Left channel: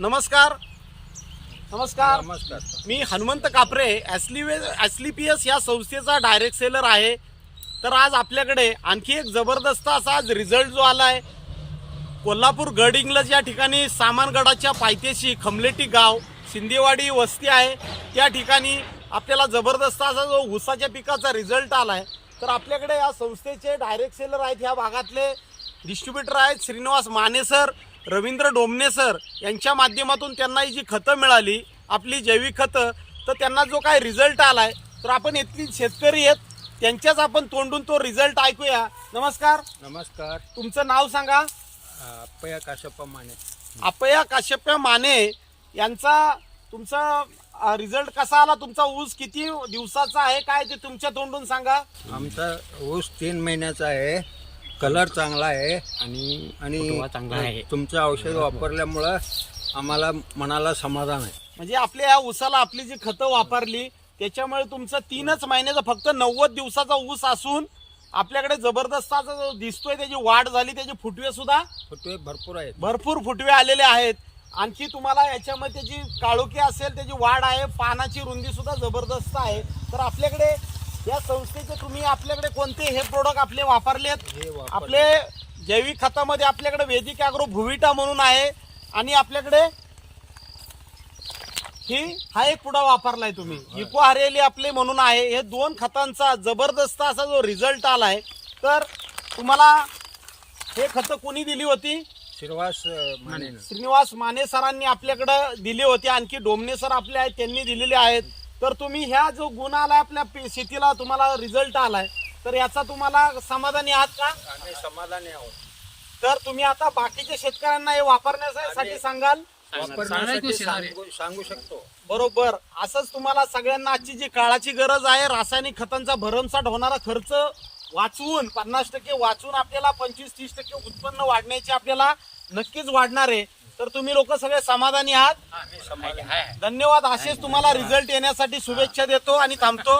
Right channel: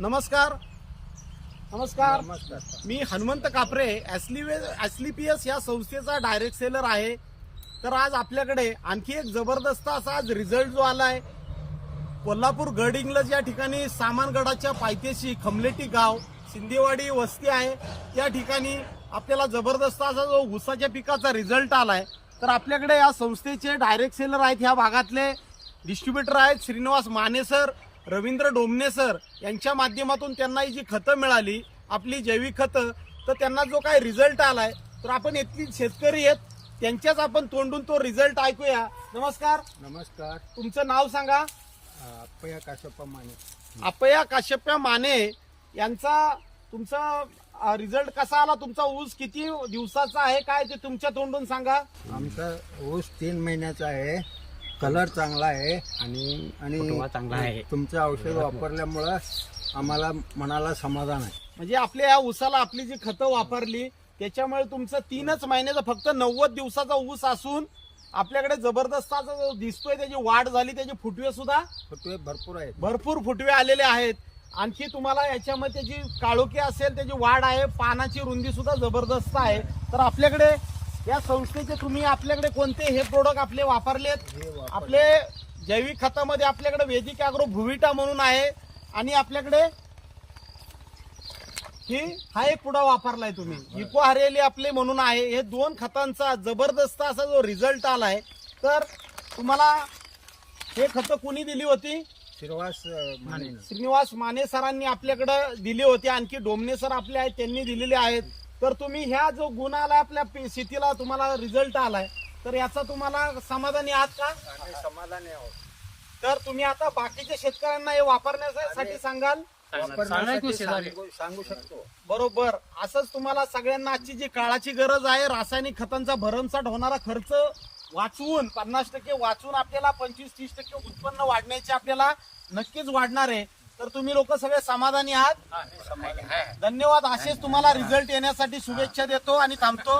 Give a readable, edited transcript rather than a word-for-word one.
नमस्कार नमस्कार नमस्कार. मी हनुमंत कापरे ॲस्लिपियस या संस्थेचा डायरेक्ट सेलर आहे. तर आज आपल्याकडे आणखी एक जबरदस्त असा आज रिझल्ट जो आलाय. कोल्हापूर गड इंग्लज या ठिकाणी सामानगडाच्या पायथ्याशी खमलेटी गाव शिंदेवाडी वस्ती आहे. त्या ठिकाणी आपल्याला जबरदस्त असा जो ऊसाच्या पिकाचा रिझल्ट आलाय. तर आपल्याकडे या संस्थेचे डायरेक्ट सेलर आहेत, ह्या भागातले डिस्ट्रीब्युटर आहेत श्रीनिवास माने सर, रवींद्र डोमणे सर यांच्या माध्यमातून त्यांना ही जी खतं मिळाली, आपली जैविक खतं, तर त्यांना जो काय रिझल्ट आलाय, तर आपण इथली शेतकरी आहेत त्यांच्याच आपण तोंडून तो रिझल्ट ऐकूया. नमस्कार. नमस्कार. तुमचं नाव सांगा. अप्पया काशप्पा माने. अप्पया काश्यप्या माने यांचा तुमचा रिझल्ट कसा आला? तुमचा ऊस किती दिवसाचा आहे, काय ते तुमच्या तोंडून सांगा. आमचा ऊस 3 महिन्याचा आहे. कलर चांगला आहे आणि चांगला आहे. तुमचं औषध वापरल्यामुळं आम्हाला मनाला समाधान आहे. म्हणजे आपल्या या ऊसाला आपली जी खतं वापरली त्याच्यामुळे तुमचं 3च महिन्याचा फक्त 90 दिवसाचा ऊस असून आपल्याकडे जबरदस्त असा जो दिसतोय त्याची वाढ झाली, त्याचे फुटवे सुद्धा फुटवे भरपूर आहेत. भरपूर फुटवे आलेले आहेत. आणखी तुम्हाला याच्यामध्ये त्याची काळोखी असेल, त्याची वाढ आहे, पानाची रुंदी सुद्धा जबरदस्त आहे. तर आपल्याकडे या संस्थेचे तुम्ही आपल्याकडे कोणते हे प्रोडक्ट आपले वापरलेत? हे वापर आपले जैविक खतामध्ये आपल्याकडे वैदिक ॲग्रो भुविटा म्हणून आहे आणि आपल्याकडे हा एक पुडा वापरलाय तुम्ही, इको हरियाली आपले म्हणून आहे. हे 2 खतांचा जबरदस्त असा जो रिझल्ट आलाय. तर तुम्हाला हे खतं कोणी दिली होती? श्रीनिवास माने. श्रीनिवास माने सरांनी आपल्याकडे दिली होती. आणखी डोमणे सर आपले आहेत, त्यांनी दिलेले आहेत. तर तुम्ही ह्या जो गुण आलाय आपल्या शेतीला, तुम्हाला रिझल्ट आलाय, तर याचा तुम्हाला समाधानी आहात का? आम्ही समाधानी आहोत. तर तुम्ही आता बाकीच्या शेतकऱ्यांना हे वापरण्यासाठी सांगाल? वापरण्यासाठी सांगू शकतो. बरोबर. असंच तुम्हाला सगळ्यांना आजची जी काळाची गरज आहे, रासायनिक खतांचा भरमसाठ होणारा खर्च वाचवून 50% वाचून आपल्याला 25-30% उत्पन्न वाढण्याचे आपल्याला नक्कीच वाढणार आहे. तर तुम्ही लोक सगळे समाधानी आहात? समाधानी. धन्यवाद. असेच तुम्हाला रिझल्ट येण्यासाठी शुभेच्छा देतो आणि थांबतो.